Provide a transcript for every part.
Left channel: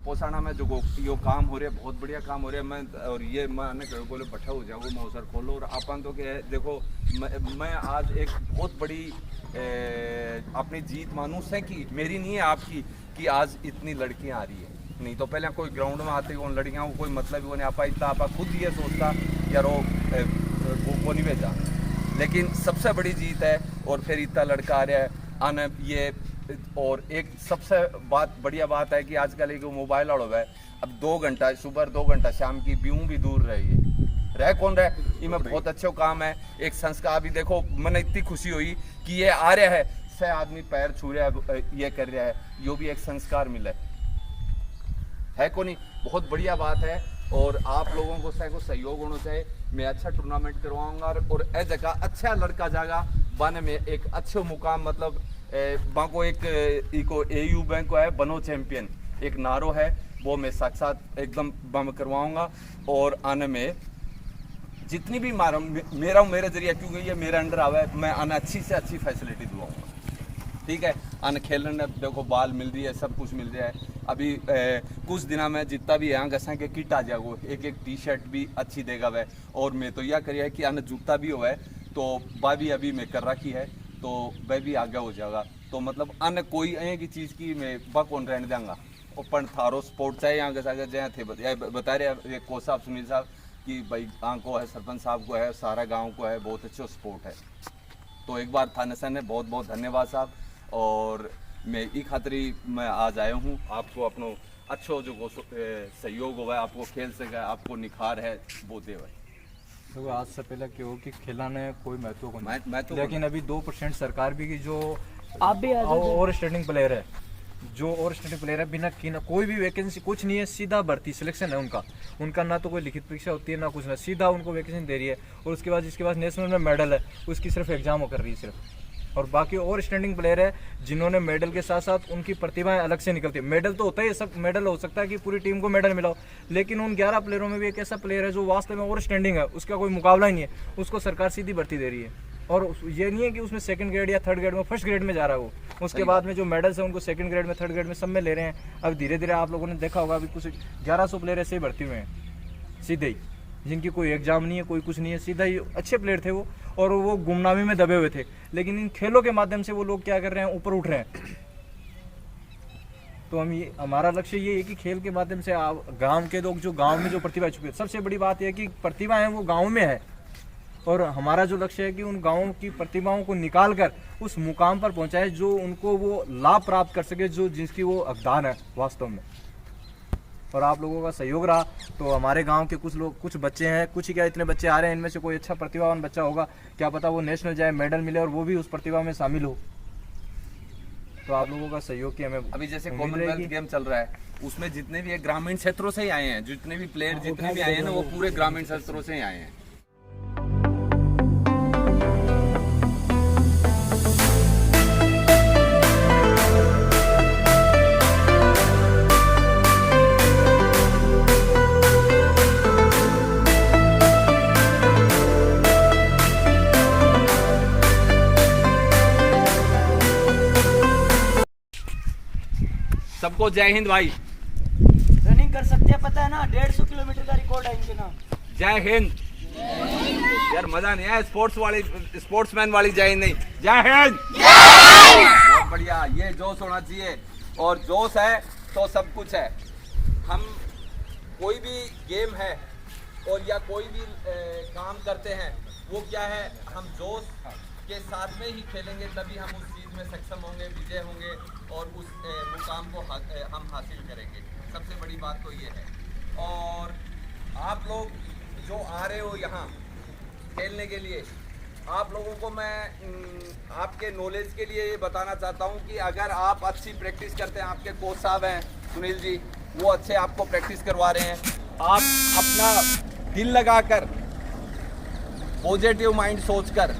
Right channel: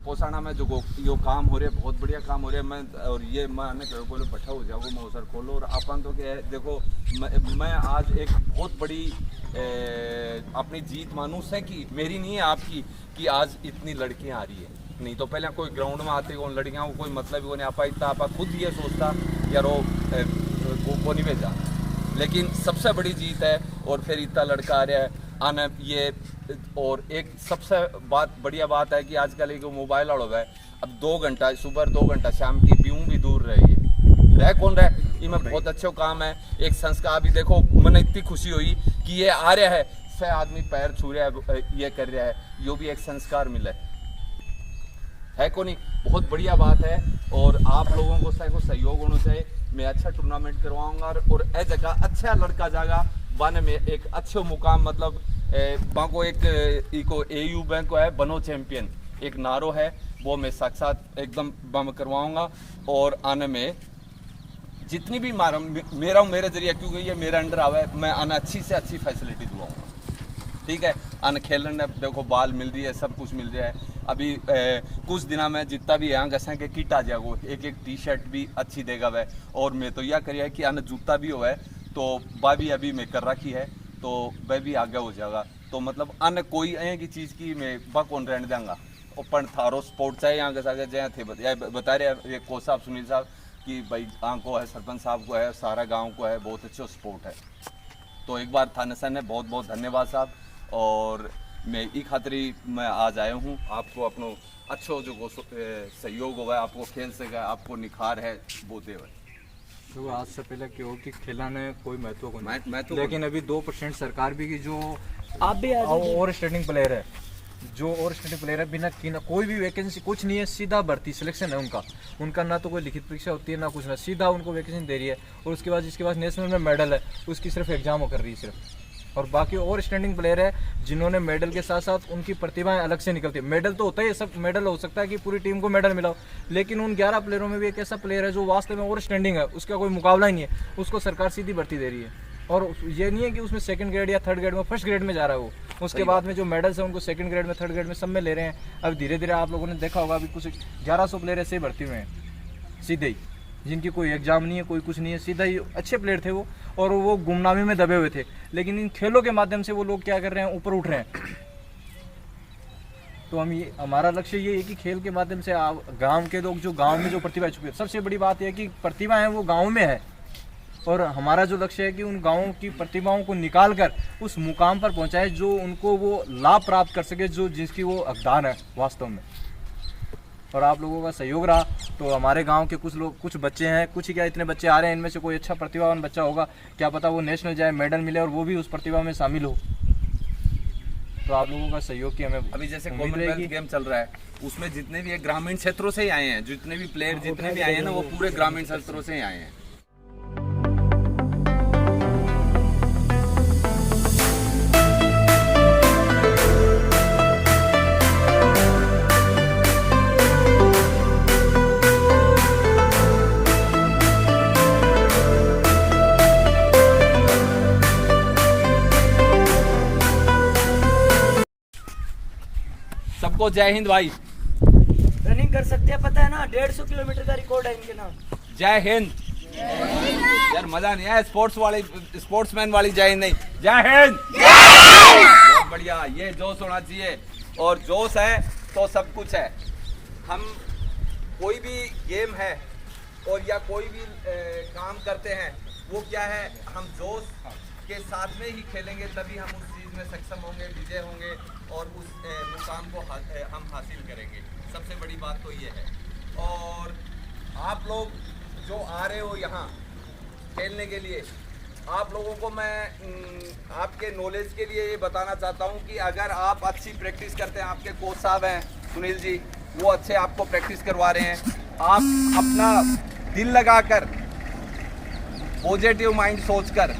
पोसाना में जो यो काम हो रहे हैं बहुत बढ़िया काम हो रहे हैं। मैं और ये मैंने बोले बैठा हो जाओ मैं अवसर खोलो और अपन तो क्या है देखो मैं आज एक बहुत बड़ी अपनी जीत मानूं से कि मेरी नहीं है आपकी कि आज इतनी लड़कियां आ रही है। नहीं तो पहले कोई ग्राउंड में आते उन लड़कियों को कोई मतलब ही नहीं आपा इतना आपा खुद ये सोचता यार वो नहीं भेजा, लेकिन सबसे बड़ी जीत है। और फिर इतना लड़का आ रहा है आने ये। और एक सबसे बढ़िया बात है कि आजकल एक मोबाइल और है अब 2 घंटा सुबह 2 घंटा शाम की ब्यूं भी दूर रही है रह कौन रहे। ये में बहुत अच्छा काम है एक संस्कार भी देखो मैंने इतनी खुशी हुई कि ये आ रहा है से आदमी पैर छू रहा है ये कर रहा है यो भी एक संस्कार मिला है को नहीं। बहुत बढ़िया बात है और आप लोगों को सहयोग होना चाहिए। मैं अच्छा टूर्नामेंट करवाऊंगा और ए जगह अच्छा लड़का जाएगा बने में एक अच्छे मुकाम मतलब बाको एक इको एयू बैंक को है बनो चैंपियन एक नारो है वो मैं साक्षात एकदम बम करवाऊंगा। और आने में जितनी भी मेरे जरिए क्योंकि ये मेरे अंडर आवे मैं आने अच्छी से अच्छी फैसिलिटी दिलाऊंगा। ठीक है आने खेलने देखो बाल मिल रही है सब कुछ मिल रहा है। अभी कुछ दिना में जितना भी यहाँ गसा के किट आ जाएगा एक टी शर्ट भी अच्छी देगा वह। और मैं तो यह करिए कि आने जूता भी हो है तो वह भी अभी मैं कर रखी है तो वह भी आगे हो जाएगा। तो मतलब अन्य कोई की चीज़ की मैं बकौन रहने देंगा ओपन थारो स्पोर्ट चाहे यहाँ के साथ जहाँ थे बता रहे कोच साहब सुनील साहब कि भाई को है सरपंच साहब को है सारा गांव को है बहुत अच्छा स्पोर्ट है। तो एक बार थाने सर ने बहुत बहुत धन्यवाद साहब। और मैं ई खातरी मैं आज आया हूँ आपको अपनो अच्छो जो सहयोग हुआ है आपको खेल से गए आपको निखार है वो दे तो आज से पहले क्यों कि खेला ने कोई महत्व को नहीं लेकिन अभी 2% सरकार भी की जो आप भी और स्टैंडिंग प्लेयर है जो और स्टैंडिंग प्लेयर है बिना कोई भी वैकेंसी कुछ नहीं है सीधा भर्ती सिलेक्शन है उनका ना तो कोई लिखित परीक्षा होती है ना कुछ ना सीधा उनको वैकेंसी दे रही है। और उसके बाद जिसके पास नेशनल में मेडल है उसकी सिर्फ एग्जाम कर रही है सिर्फ। और बाकी और स्टैंडिंग प्लेयर है जिन्होंने मेडल के साथ साथ उनकी प्रतिभाएं अलग से निकलती है। मेडल तो होता है सब मेडल हो सकता है कि पूरी टीम को मेडल मिला हो लेकिन उन 11 प्लेयरों में भी एक ऐसा प्लेयर है जो वास्तव में और स्टैंडिंग है उसका कोई मुकाबला ही नहीं है उसको सरकार सीधी भर्ती दे रही है। और ये नहीं है कि उसमें 2nd ग्रेड या 3rd ग्रेड में 1st ग्रेड में जा रहा है वो उसके बाद में जो मेडल्स है उनको 2nd ग्रेड में 3rd ग्रेड में सब में ले रहे हैं। अब धीरे धीरे आप लोगों ने देखा होगा अभी कुछ 1100 प्लेयर ऐसे ही भर्ती हुए हैं सीधे ही जिनकी कोई एग्जाम नहीं है कोई कुछ नहीं है सीधा ही अच्छे प्लेयर थे वो और वो गुमनामी में दबे हुए थे। लेकिन इन खेलों के माध्यम से वो लोग क्या कर रहे हैं ऊपर उठ रहे हैं। तो हमारा लक्ष्य ये है कि खेल के माध्यम से गांव के लोग जो गांव में जो प्रतिभा छुपी है सबसे बड़ी बात यह है कि प्रतिभा है वो गांव में है और हमारा जो लक्ष्य है कि उन गाँवों की प्रतिभाओं को निकाल कर उस मुकाम पर पहुंचाए जो उनको वो लाभ प्राप्त कर सके जो जिसकी वो हकदार है वास्तव में। और आप लोगों का सहयोग रहा तो हमारे गांव के कुछ बच्चे हैं कुछ ही क्या इतने बच्चे आ रहे हैं इनमें से कोई अच्छा प्रतिभावान बच्चा होगा क्या पता वो नेशनल जाए मेडल मिले और वो भी उस प्रतिभा में शामिल हो। तो आप लोगों का सहयोग की हमें अभी जैसे कॉमनवेल्थ गेम चल रहा है उसमें जितने भी ग्रामीण क्षेत्रों से ही आए हैं जितने भी प्लेयर जितने भी आए हैं ना वो पूरे ग्रामीण क्षेत्रों से ही आए हैं। सबको जय हिंद भाई। रनिंग कर सकते हैं पता है ना 150 किलोमीटर का रिकॉर्ड है इनके नाम। जय हिंद। यार मजा नहीं है स्पोर्ट्समैन वाली जय हिंद नहीं जय हिंद। बहुत बढ़िया ये जोश होना चाहिए और जोश है तो सब कुछ है। हम कोई भी गेम है और या कोई भी काम करते हैं वो क्या है हम जोश के साथ में ही खेलेंगे तभी हम उस चीज़ में सक्षम होंगे विजय होंगे और उस मुकाम को हम हासिल करेंगे। सबसे बड़ी बात तो ये है। और आप लोग जो आ रहे हो यहाँ खेलने के लिए आप लोगों को मैं आपके नॉलेज के लिए ये बताना चाहता हूँ कि अगर आप अच्छी प्रैक्टिस करते हैं आपके कोच साहब हैं सुनील जी वो अच्छे आपको प्रैक्टिस करवा रहे हैं आप अपना दिल लगाकर पॉजिटिव माइंड सोचकर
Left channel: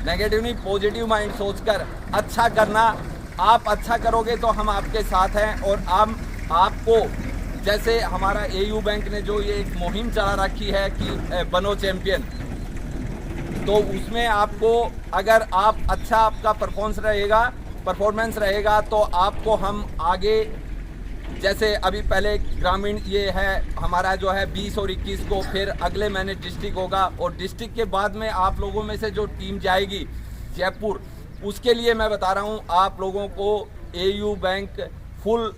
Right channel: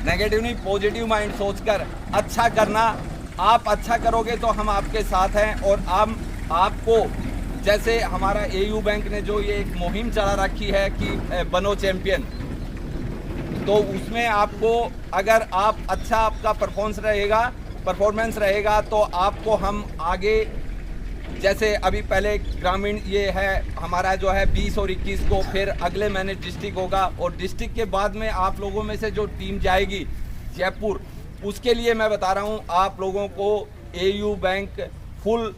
नेगेटिव नहीं पॉजिटिव माइंड सोचकर अच्छा करना। आप अच्छा करोगे तो हम आपके साथ हैं और हम आपको जैसे हमारा एयू बैंक ने जो ये एक मुहिम चला रखी है कि बनो चैंपियन तो उसमें आपको अगर आप अच्छा आपका परफॉर्मेंस रहेगा तो आपको हम आगे जैसे अभी पहले ग्रामीण ये है हमारा जो है 20 और 21 को, फिर अगले महीने डिस्ट्रिक्ट होगा, और डिस्ट्रिक्ट के बाद में आप लोगों में से जो टीम जाएगी जयपुर, उसके लिए मैं बता रहा हूँ आप लोगों को AU बैंक फुल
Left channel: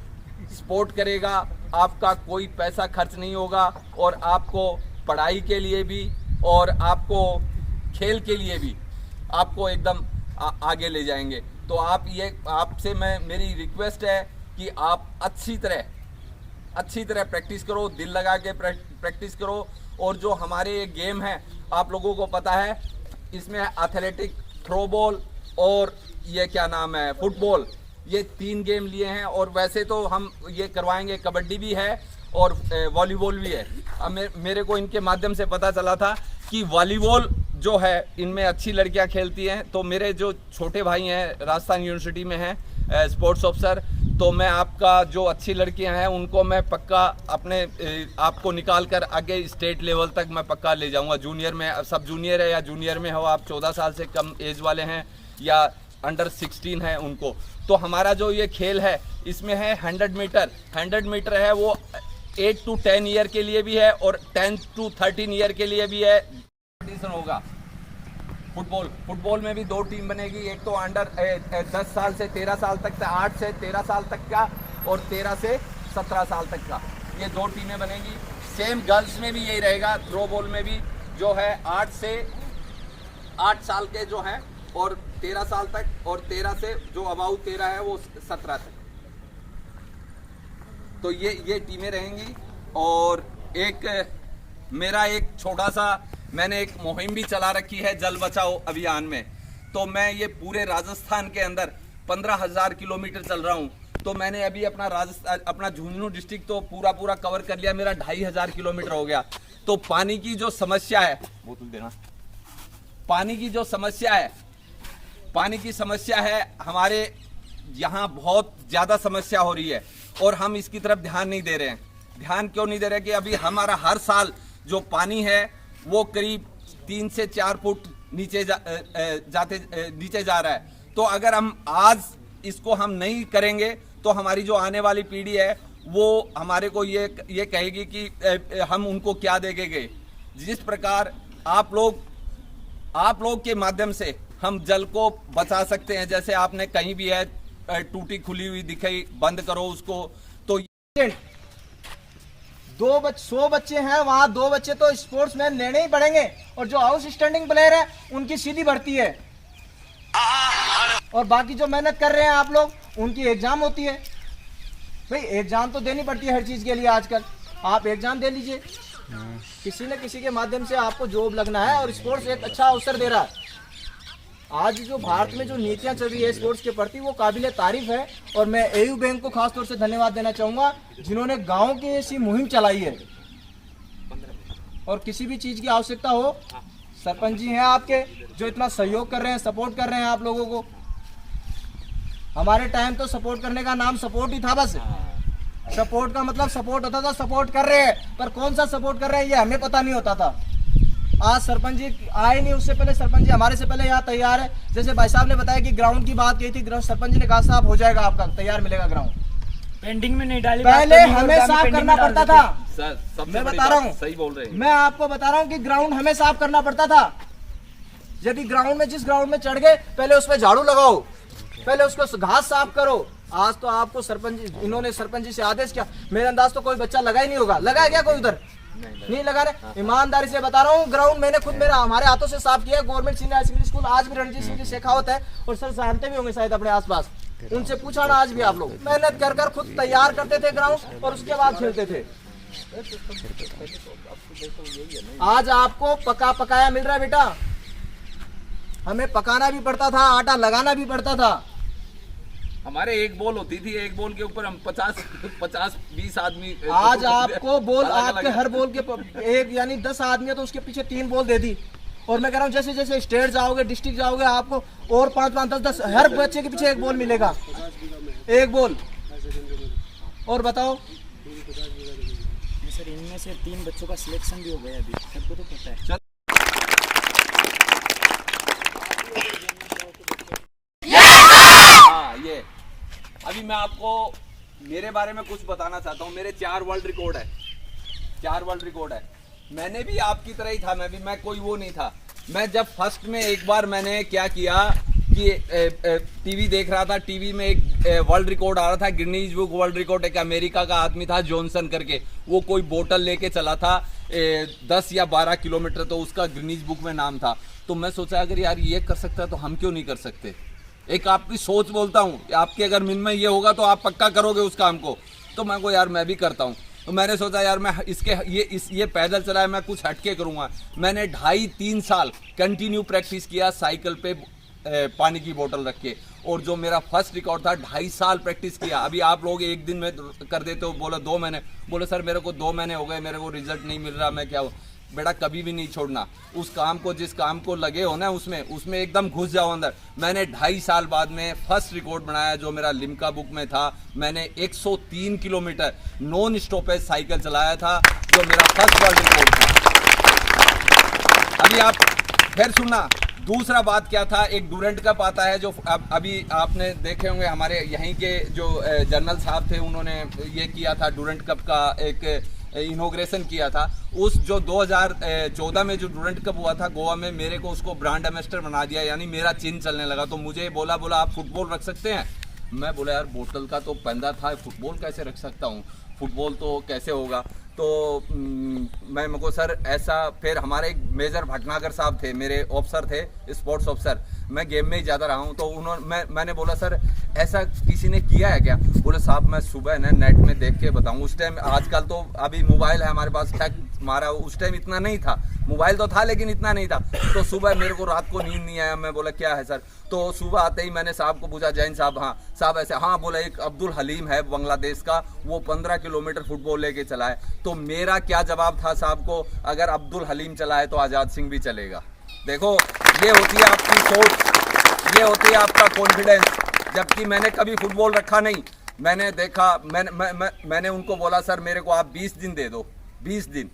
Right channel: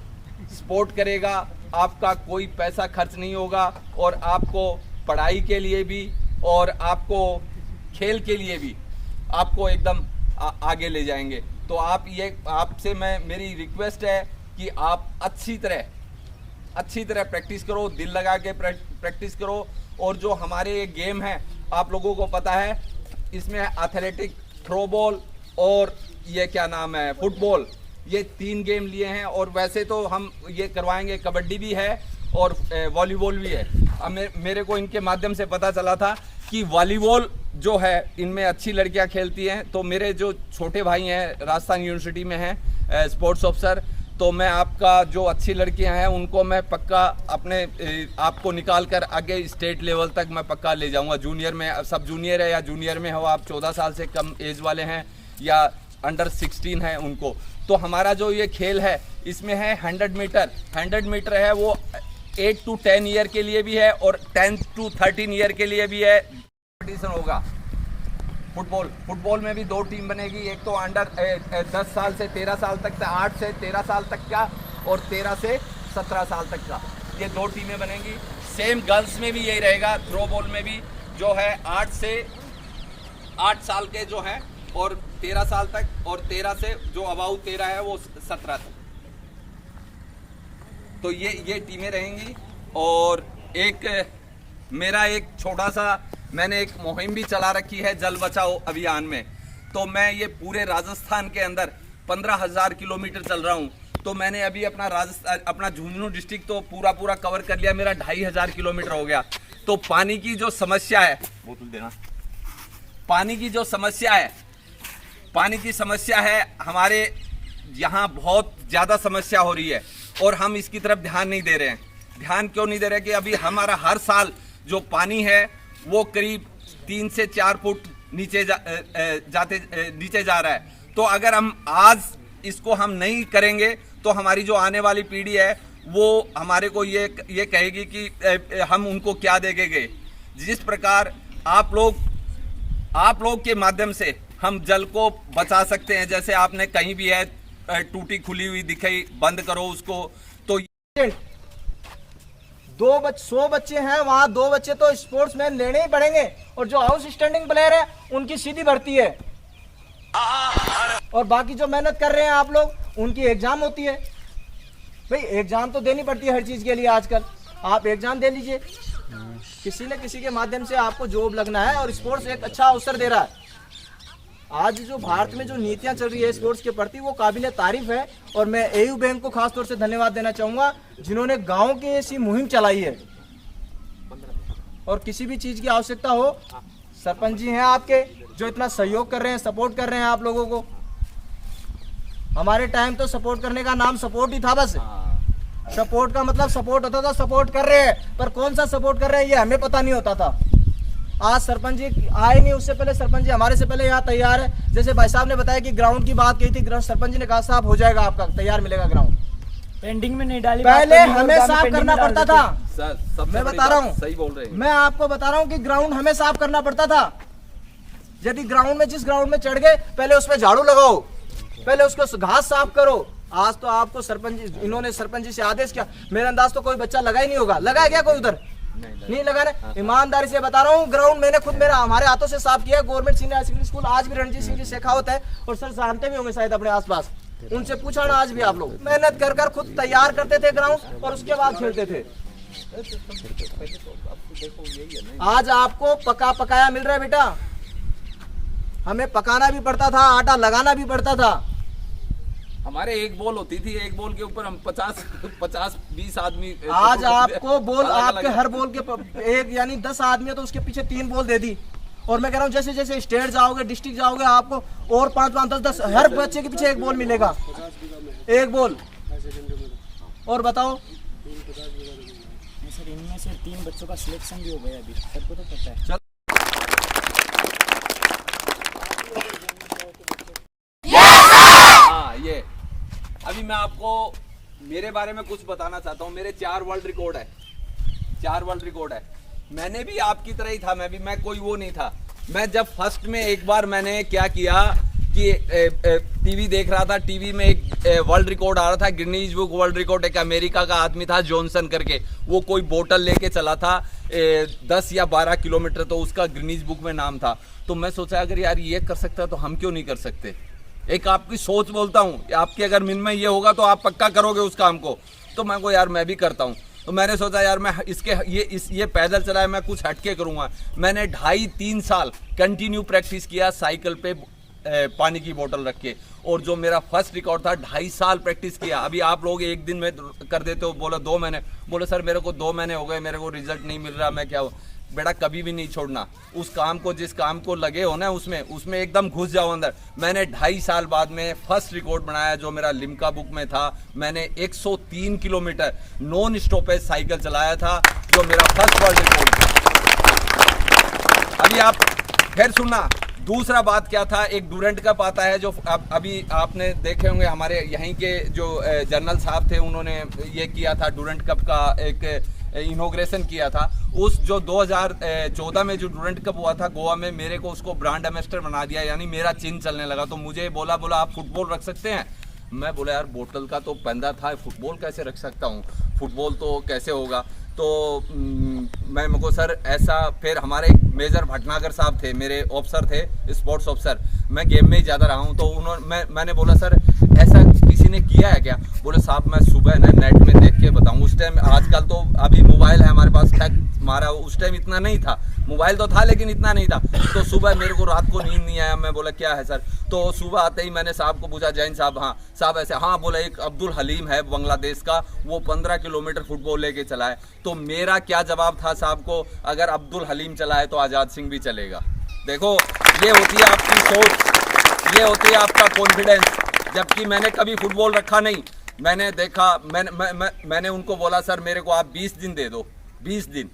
सपोर्ट करेगा। आपका कोई पैसा खर्च नहीं होगा, और आपको पढ़ाई के लिए भी और आपको खेल के लिए भी आपको एकदम आगे ले जाएंगे। तो आप ये आपसे मेरी रिक्वेस्ट है कि आप अच्छी तरह प्रैक्टिस करो, दिल लगा के प्रैक्टिस करो। और जो हमारे ये गेम है आप लोगों को पता है, इसमें एथलेटिक, थ्रो बॉल और ये क्या नाम है फुटबॉल, ये 3 गेम लिए हैं। और वैसे तो हम ये करवाएंगे, कबड्डी भी है और वॉलीबॉल भी है। अब मेरे को इनके माध्यम से पता चला था कि वॉलीबॉल जो है इनमें अच्छी लड़कियां खेलती हैं। तो मेरे जो छोटे भाई हैं राजस्थान यूनिवर्सिटी में हैं स्पोर्ट्स ऑफिसर, तो मैं आपका जो अच्छी लड़कियां हैं उनको मैं पक्का अपने आपको निकाल कर आगे स्टेट लेवल तक मैं पक्का ले जाऊंगा। जूनियर में, सब जूनियर है या जूनियर में हो, आप 14 साल से कम एज वाले हैं या अंडर 16 है उनको। तो हमारा जो ये खेल है इसमें है 100 मीटर। 100 मीटर है वो 8 to 10 ईयर के लिए भी है और 10 to 13 ईयर के लिए भी है। कंपटीशन होगा फुटबॉल में भी 2 टीम बनेगी, एक तो अंडर 10 साल से 13 साल तक का, 8 से 13 साल तक का और 13 से 17 साल तक का, ये 2 टीमें बनेगी। सेम गर्ल्स में भी यही रहेगा, थ्रो बॉल में भी जो है 8 साल के जो हैं और 13 साल तक, और 13 से जो अबाउ 13 है वो 17 तक। तो ये टीमें रहेंगी। और मेरा एक छोटा सा मैंने एक मुहिम भी चला रखी है जल बचाओ अभियान में। तो मैं ये पूरे राजस्थान के अंदर 15,000 किलोमीटर चल रहा हूँ। तो मैंने अभी अपना झुंझुनू डिस्ट्रिक्ट तो पूरा कवर कर लिया, मेरा 2,500 किलोमीटर हो गया। तो पानी की जो समस्या है, बोतल देना, पानी की समस्या है हमारे यहाँ बहुत ज्यादा समस्या हो रही है, और हम इसकी तरफ ध्यान नहीं दे रहे हैं। ध्यान क्यों नहीं दे रहे कि अभी हमारा हर साल जो पानी है वो करीब 3 से 4 फुट नीचे जा रहा है। तो अगर हम आज इसको हम नहीं करेंगे तो हमारी जो आने वाली पीढ़ी है वो हमारे को ये कहेगी कि हम उनको क्या देके गए। जिस प्रकार आप लोग के माध्यम से हम जल को बचा सकते हैं, जैसे आपने कहीं भी है टूटी खुली हुई दिखाई, बंद करो उसको। तो 100 बच्चे हैं वहाँ, 2 बच्चे तो स्पोर्ट्स मैन लेने ही पड़ेंगे, और जो हाउस स्टैंडिंग प्लेयर है उनकी सीधी भर्ती है, और बाकी जो मेहनत कर रहे हैं आप लोग उनकी एग्जाम होती है। भाई एग्जाम तो देनी पड़ती है हर चीज के लिए आजकल, आप एग्जाम दे लीजिए, किसी न किसी के माध्यम से आपको जॉब लगना है, और स्पोर्ट्स एक अच्छा अवसर दे रहा है। आज जो भारत में जो नीतियां चल रही है स्पोर्ट्स के प्रति वो काबिले तारीफ है, और मैं AU बैंक को खास तौर से धन्यवाद देना चाहूंगा जिन्होंने गांव की ऐसी मुहिम चलाई है। और किसी भी चीज की आवश्यकता हो, सरपंच जी हैं आपके जो इतना सहयोग कर रहे हैं, सपोर्ट कर रहे हैं आप लोगों को। हमारे टाइम तो सपोर्ट करने का नाम सपोर्ट ही था, बस सपोर्ट का मतलब सपोर्ट होता था, सपोर्ट कर रहे हैं, पर कौन सा सपोर्ट कर रहे हैं ये हमें पता नहीं होता था। आज सरपंच जी आए नहीं, उससे पहले सरपंच जी हमारे से पहले यहाँ तैयार है। जैसे भाई साहब ने बताया कि ग्राउंड की बात कही थी, सरपंच जी ने कहा साहब हो जाएगा, आपका तैयार मिलेगा ग्राउंड। पेंडिंग में नहीं डाली, पहले हमें साफ करना पड़ता था। मैं बता रहा हूँ, सही बोल रहे हैं, मैं आपको बता रहा हूँ कि ग्राउंड हमें साफ करना पड़ता था। यदि ग्राउंड में जिस ग्राउंड में चढ़ गए, पहले उसमें झाड़ू लगाओ, पहले उसको घास साफ करो। आज तो आपको इन्होंने सरपंच जी से आदेश किया, मेरे अंदाज तो कोई बच्चा लगा ही नहीं होगा। लगा क्या कोई उधर? नहीं लगा रहे। ईमानदारी से बता रहा हूँ, ग्राउंड मैंने खुद हमारे हाथों से साफ किया। Government senior high secondary school आज भी रणजीत सिंह की शेखावत है, और सर जानते भी होंगे शायद अपने आसपास, उनसे पूछा ना आज भी आप लोग। मेहनत कर खुद तैयार करते थे ग्राउंड, और उसके बाद खेलते थे। आज आपको पकाया मिल रहा है बेटा, हमें पकाना भी पड़ता था, आटा लगाना भी पड़ता था। हमारे एक बॉल होती थी, एक बॉल के ऊपर हम 50-20 आदमी। आज आपको बॉल, आपके हर बॉल के एक यानी 10 आदमी है तो उसके पीछे 3 बॉल दे दी। और मैं कह रहा हूँ जैसे जैसे स्टेट जाओगे, डिस्ट्रिक्ट जाओगे, आपको और 5-5, 10-10 हर बच्चे के पीछे 1 बॉल मिलेगा, 1 बॉल। और बताओ सर, इनमें से 3 बच्चों का सिलेक्शन भी हो गया अभी, सबको तो पता है। ये अभी मैं आपको मेरे बारे में कुछ बताना चाहता हूँ। मेरे 4 वर्ल्ड रिकॉर्ड है, 4 वर्ल्ड रिकॉर्ड है। मैंने भी आपकी तरह ही था, मैं कोई वो नहीं था। मैं जब फर्स्ट में एक बार मैंने क्या किया कि टीवी देख रहा था, टीवी में एक वर्ल्ड रिकॉर्ड आ रहा था, गिनीज बुक वर्ल्ड रिकॉर्ड। एक अमेरिका का आदमी था जॉनसन करके, वो कोई बोतल लेके चला था 10 या 12 किलोमीटर, तो उसका गिनीज बुक में नाम था। तो मैं सोचा अगर यार ये कर सकता तो हम क्यों नहीं कर सकते। एक आपकी सोच बोलता हूँ, आपके अगर मन में ये होगा तो आप पक्का करोगे उस काम को। तो मैं को यार मैं भी करता हूँ। तो मैंने सोचा यार मैं ये पैदल चला है, मैं कुछ हटके करूँगा। मैंने 2.5-3 साल कंटिन्यू प्रैक्टिस किया साइकिल पे पानी की बोतल रख के, और जो मेरा फर्स्ट रिकॉर्ड था 2.5 साल प्रैक्टिस किया। अभी आप लोग एक दिन में कर देते हो, बोलो 2 महीने, बोले सर मेरे को 2 महीने हो गए, मेरे को रिजल्ट नहीं मिल रहा, मैं क्या। बेटा कभी भी नहीं छोड़ना उस काम को, जिस काम को लगे हो ना उसमें एकदम घुस जाओ अंदर। मैंने 2.5 साल बाद में फर्स्ट रिकॉर्ड बनाया जो मेरा लिम्का बुक में था। मैंने 103 किलोमीटर नॉन स्टॉपेज साइकिल चलाया था, जो मेरा फर्स्ट वर्ल्ड रिकॉर्ड था। अभी आप फिर सुनना, दूसरा बात क्या था, एक डूरेंट कप आता है जो अभी आपने देखे होंगे, हमारे यहीं के जो जनरल साहब थे उन्होंने ये किया था, डूरेंट कप का एक इनॉग्रेशन किया था। उस जो 2014 में जो डूरेंट कप हुआ था गोवा में, मेरे को उसको ब्रांड एम्बेसडर बना दिया, यानी मेरा चिन्ह चलने लगा। तो मुझे बोला आप फुटबॉल रख सकते हैं। मैं बोला यार बोतल का तो पंदा था, फुटबॉल कैसे रख सकता हूँ, फुटबॉल तो कैसे होगा। तो मैं मुझको सर ऐसा, फिर हमारे मेजर भटनागर साहब थे, मेरे ऑफिसर थे, स्पोर्ट्स ऑफिसर, मैं गेम में ही ज़्यादा रहा हूँ। तो मैंने बोला सर ऐसा किसी ने किया है क्या। बोले साहब मैं सुबह ना नेट में देख के बताऊँ। उस टाइम, आजकल तो अभी मोबाइल है हमारे पास, हमारा उस टाइम इतना नहीं था, मोबाइल तो था लेकिन इतना नहीं था। तो सुबह मेरे को रात को नींद नहीं आया, मैं बोला क्या है सर। तो सुबह आते ही मैंने साहब को पूछा, जैन साहब, हाँ साहब ऐसे, हाँ बोला एक अब्दुल हलीम है बांग्लादेश का, वो 15 किलोमीटर फुटबॉल लेके चला है। तो मेरा क्या जवाब था साहब को, अगर अब्दुल हलीम चला है तो आज़ाद सिंह भी चलेगा। देखो ये होती है आपकी सोच, ये होती है आपका कॉन्फिडेंस। जबकि मैंने कभी फुटबॉल रखा नहीं, मैंने देखा, मैंने उनको बोला सर मेरे को आप 20 दिन दे दो, 20 दिन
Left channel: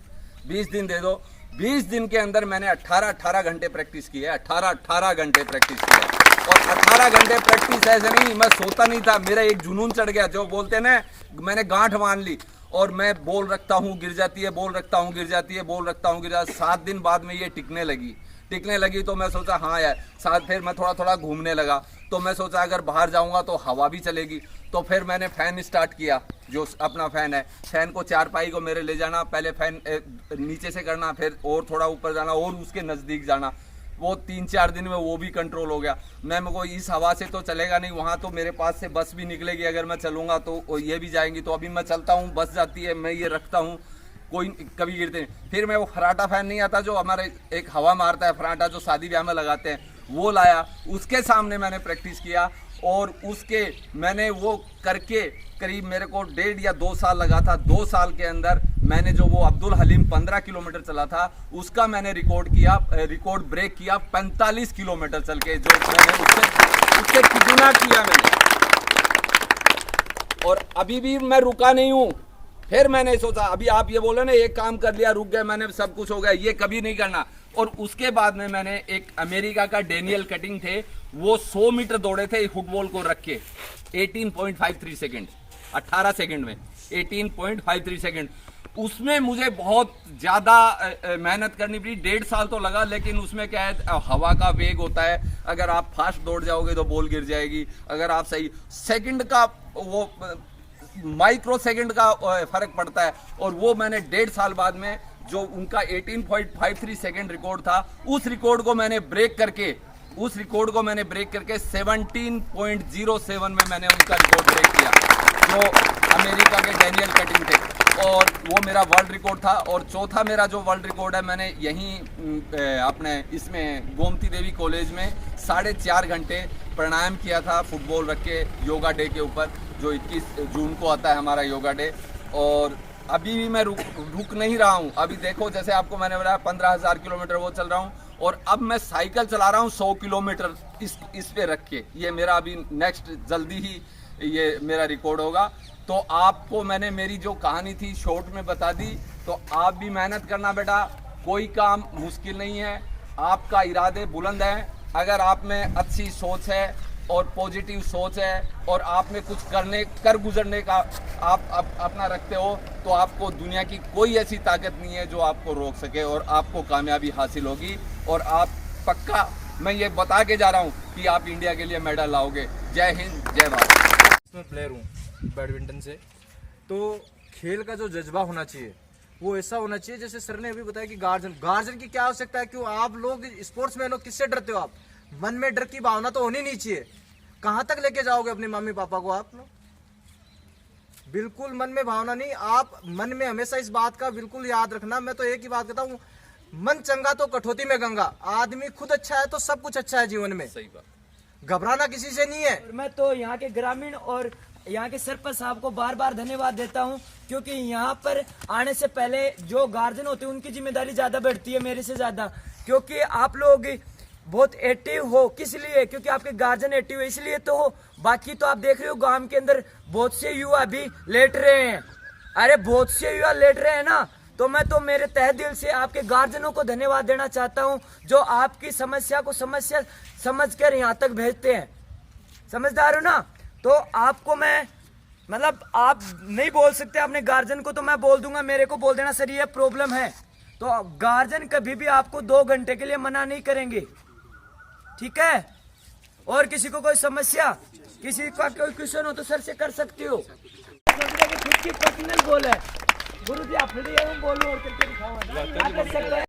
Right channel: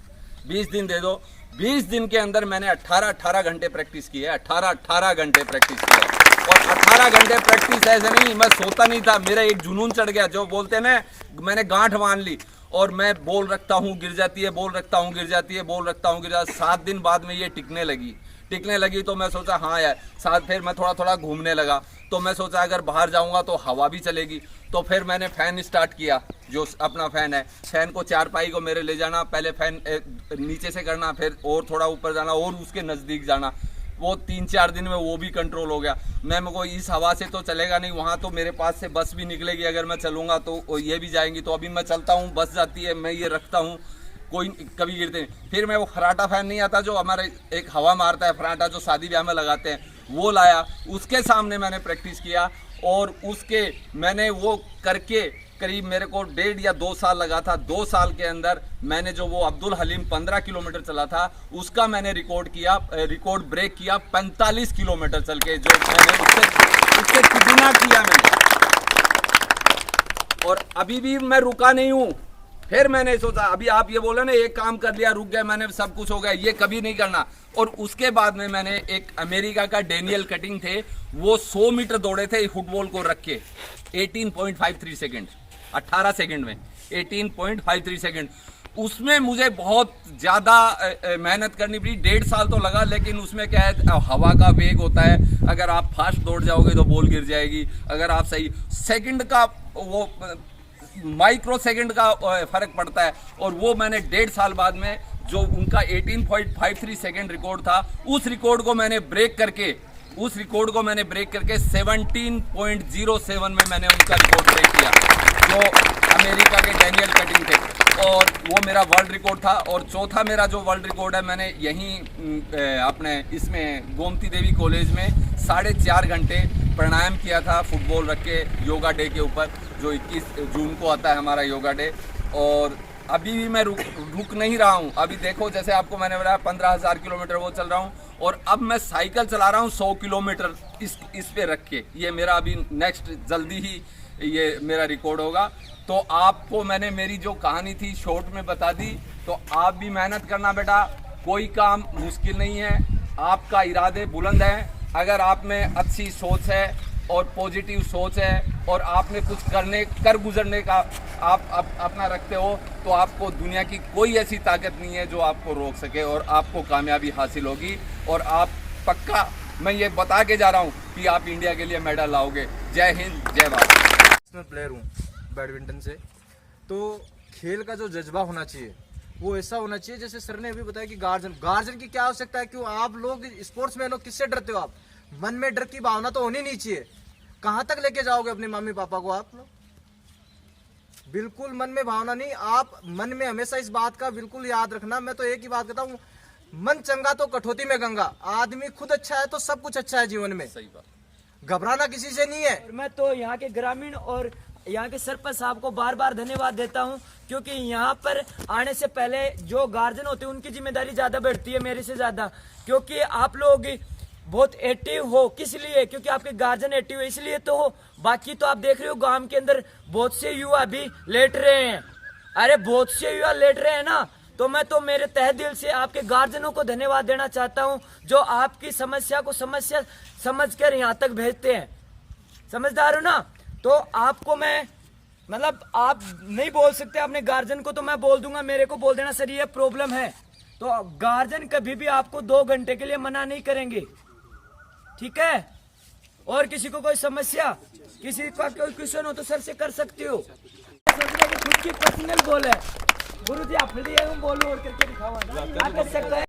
दे दो। 20 दिन के अंदर मैंने 18 घंटे प्रैक्टिस की है, 18 घंटे प्रैक्टिस की है। और 18 घंटे प्रैक्टिस ऐसे नहीं, मैं सोता नहीं था, मेरा एक जुनून चढ़ गया, जो बोलते हैं ना, मैंने गांठ मान ली। और मैं बॉल रखता हूँ गिर जाती है, बॉल रखता हूँ गिर जाती है, बॉल रखता हूँ गिर जाती है। 7 दिन बाद में ये टिकने लगी तो मैं सोचा हाँ यार, साथ फिर मैं थोड़ा घूमने लगा। तो मैं सोचा अगर बाहर जाऊंगा तो हवा भी चलेगी। तो फिर मैंने फ़ैन स्टार्ट किया, जो अपना फ़ैन है, फ़ैन को चारपाई को मेरे ले जाना, पहले फ़ैन नीचे से करना, फिर और थोड़ा ऊपर जाना और उसके नज़दीक जाना। वो 3-4 दिन में वो भी कंट्रोल हो गया। मैं को इस हवा से तो चलेगा नहीं, वहाँ तो मेरे पास से बस भी निकलेगी, अगर मैं चलूँगा तो ये भी जाएंगी। तो अभी मैं चलता हूँ, बस जाती है, मैं ये रखता हूँ, कोई कभी गिरते नहीं। फिर मैं वो फराटा फैन नहीं आता जो हमारे एक हवा मारता है, फराटा जो शादी ब्याह में लगाते हैं, वो लाया, उसके सामने मैंने प्रैक्टिस किया। और उसके मैंने वो करके करीब मेरे को 1.5 या 2 साल लगा था। 2 साल के अंदर मैंने जो वो अब्दुल हलीम 15 किलोमीटर चला था, उसका मैंने रिकॉर्ड ब्रेक किया 45 किलोमीटर चल के, जो मैंने उससे कितना किया मैंने। और अभी भी मैं रुका नहीं हूँ। फिर मैंने सोचा, अभी आप ये बोले ना एक काम कर लिया रुक गए, मैंने सब कुछ हो गया, ये कभी नहीं करना। और उसके बाद में मैंने एक अमेरिका का डेनियल कटिंग थे, वो 100 मीटर दौड़े थे फुटबॉल को रख के 18.53 सेकेंड, 18 सेकेंड में 18.53 सेकेंड। उसमें मुझे बहुत ज़्यादा मेहनत करनी पड़ी, 1.5 साल तो लगा। लेकिन उसमें क्या है, हवा का वेग होता है, अगर आप फास्ट दौड़ जाओगे तो बॉल गिर जाएगी, अगर आप सही सेकंड का वो माइक्रो सेकंड का फर्क पड़ता है। और वो मैंने 1.5 साल बाद में जो उनका 18.53 सेकंड रिकॉर्ड था, उस रिकॉर्ड को मैंने ब्रेक करके 17.07 में मैंने उनका रिकॉर्ड ब्रेक किया, जो अमेरिका के डेनियल कटिंग थे। और वो मेरा वर्ल्ड रिकॉर्ड था। और चौथा मेरा जो वर्ल्ड रिकॉर्ड है, मैंने यहीं अपने इसमें गोमती देवी कॉलेज में 4.5 घंटे प्राणायाम किया था फुटबॉल रख के, योगा डे के ऊपर, जो 21 जून को आता है हमारा योगा डे। और अभी भी मैं रुक नहीं रहा हूँ। अभी देखो, जैसे आपको मैंने बताया 15,000 किलोमीटर वो चल रहा हूँ, और अब मैं साइकिल चला रहा हूँ 100 किलोमीटर इस पे रख के। ये मेरा अभी नेक्स्ट जल्दी ही ये मेरा रिकॉर्ड होगा। तो आपको मैंने मेरी जो कहानी थी शॉर्ट में बता दी। तो आप भी मेहनत करना बेटा, कोई काम मुश्किल नहीं है, आपका इरादे बुलंद है, अगर आप में अच्छी सोच है और पॉजिटिव सोच है और आप में कुछ कर गुजरने का आप अपना रखते हो, तो आपको दुनिया की कोई ऐसी ताकत नहीं है जो आपको रोक सके और आपको कामयाबी हासिल होगी। और आप पक्का, मैं ये बता के जा रहा हूँ कि आप इंडिया के लिए मेडल लाओगे। जय हिंद, जय भारत। मैं प्लेयर हूँ बैडमिंटन से, तो खेल का जो जज्बा होना चाहिए वो ऐसा होना चाहिए जैसे सर ने अभी बताया कि गार्जियन की क्या आवश्यकता है। क्यों आप लोग स्पोर्ट्समैन हो, किससे डरते हो आप? मन में डर की भावना तो होनी नहीं चाहिए। कहां तक लेके जाओगे अपने मम्मी पापा को आप लोग? बिल्कुल मन में भावना नहीं। आप मन में हमेशा इस बात का बिल्कुल याद रखना। मैं तो एक ही बात कहता हूँ, मन चंगा तो कठौती में गंगा। आदमी खुद अच्छा है तो सब कुछ अच्छा है जीवन में। सही बात। घबराना किसी से नहीं है। और मैं तो यहाँ के ग्रामीण और यहाँ के सरपंच साहब को बार बार धन्यवाद देता हूँ, क्योंकि यहाँ पर आने से पहले जो गार्जियन होते हैं उनकी जिम्मेदारी ज्यादा बढ़ती है मेरे से ज्यादा, क्योंकि आप लोग बहुत एक्टिव हो। किस लिए? क्योंकि आपके गार्जियन एक्टिव है, इसलिए तो हो। बाकी तो आप देख रहे हो गांव के अंदर बहुत से युवा भी लेट रहे हैं। अरे बहुत से युवा लेट रहे हैं ना, तो मैं तो मेरे तहे दिल से आपके गार्जियनों को धन्यवाद देना चाहता हूं, जो आपकी समस्या को समस्या समझकर यहाँ तक भेजते हैं। समझदार हो ना? तो आपको मैं मतलब आप नहीं बोल सकते अपने गार्जियन को, तो मैं बोल दूंगा, मेरे को बोल देना सर ये प्रॉब्लम है। तो गार्जियन कभी भी आपको 2 घंटे के लिए मना नहीं करेंगे, ठीक है? और किसी को कोई समस्या, किसी का कोई क्वेश्चन हो तो सर से कर सकते हो। खुद की पर्सनल गोल है, गुरु जी आप बोलो और करके दिखाओ, क्या कर सकता है।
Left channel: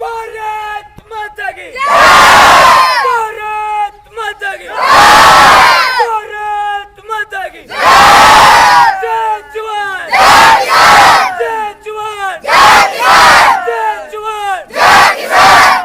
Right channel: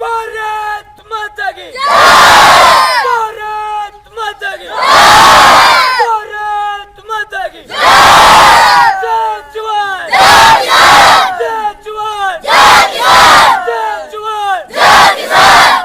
भारत माता की जय! भारत माता की जय! भारत माता की जय! जय जवान! जय किसान! जय जवान! जय किसान! जय जवान! जय किसान!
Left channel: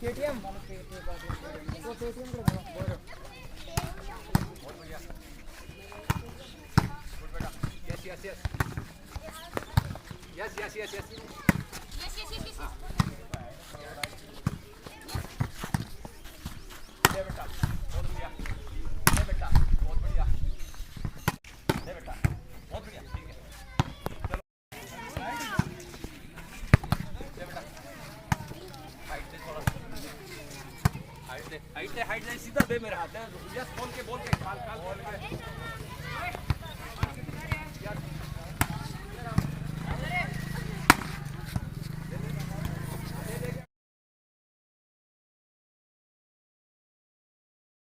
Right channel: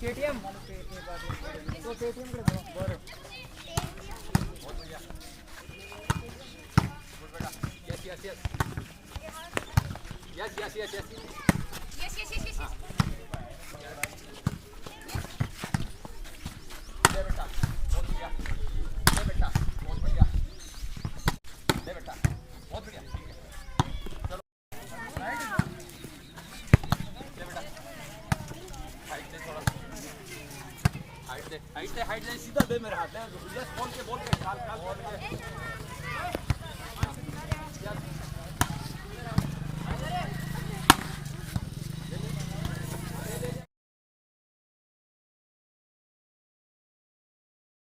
केटीएम तो केटीएम कर दो Yes. हाइट दे सीधा दे मेरे हाथ में। यस बोल के